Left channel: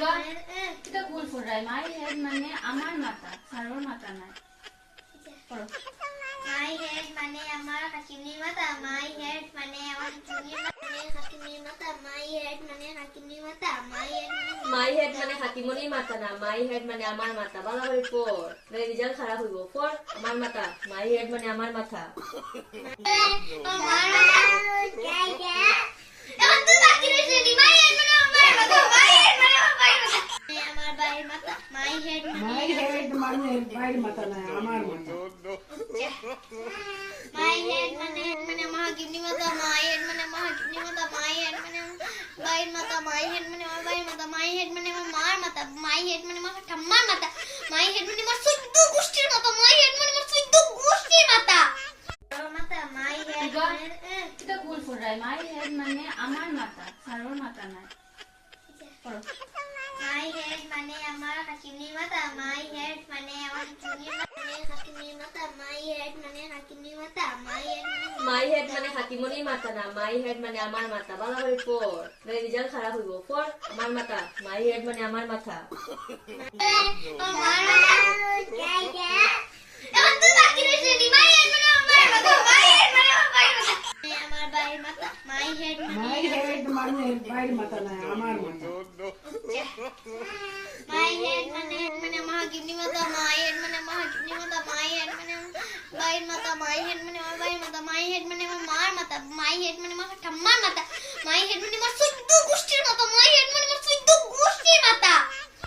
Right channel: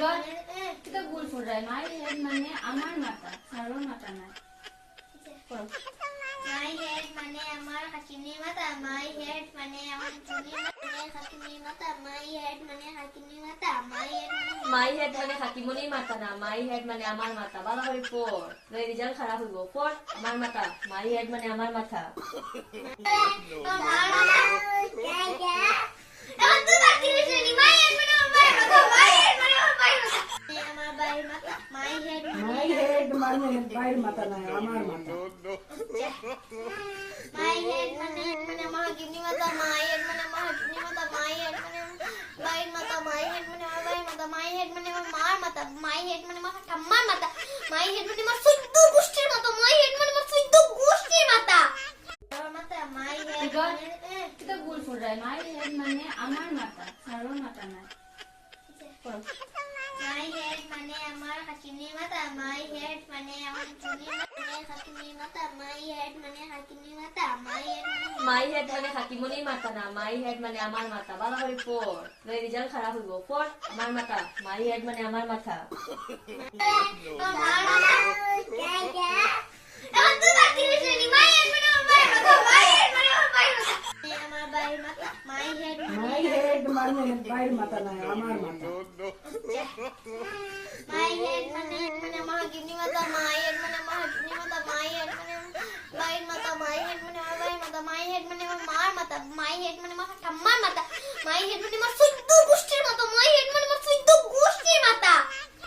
kita gul furai my head মানে আমার মাথা সারোর মাথা না My head মানে আমার হাকিমের মাথা my head মানে আমার হাকিমের মাথা my head মানে হাকিমের মাথা my head মানে হাকিমনির মাথা না my head মানে আমার মাথা ভালো করে পড় রেজাল্ট খারাপ হইব পড় আমার মাথা my head মানে আমার মাথা আমার বাড়ির মাথা my head My head মানে বাইর মাথা না আমার মাথা my head মানে আমার হাকিমের মাথা my head মানে আমার হাকিমের মাথা my head মানে বাড়ির মাথা my head মানে আমার বাড়ির মাথা my head মানে আমার মার মাথা my head মানে আমার ঠাম্মার মাথা my head মানে আমার চৈদ্দ গোষ্ঠীর মাথা my head মানে আমার চৈদ্দ গোষ্ঠীর মাথা মাথা my head kita gul furai my head মানে আমার মাথা সারোর মাথা না my head মানে আমার হাকিমের মাথা my head মানে আমার হাকিমের মাথা my head মানে হাকিমের মাথা my head মানে হাকিমনির মাথা না my head মানে আমার মাথা ভালো করে পড় রেজাল্ট খারাপ হইব পড় আমার মাথা my head মানে আমার মাথা আমার বাড়ির মাথা my head My head মানে বাইর মাথা না আমার মাথা my head মানে আমার হাকিমের মাথা my head মানে আমার হাকিমের মাথা my head মানে বাড়ির মাথা my head মানে আমার বাড়ির মাথা my head মানে আমার মার মাথা my head মানে আমার ঠাম্মার মাথা my head মানে আমার চৈদ্দ গোষ্ঠীর মাথা my head মানে আমার চৈদ্দ গোষ্ঠীর মাথা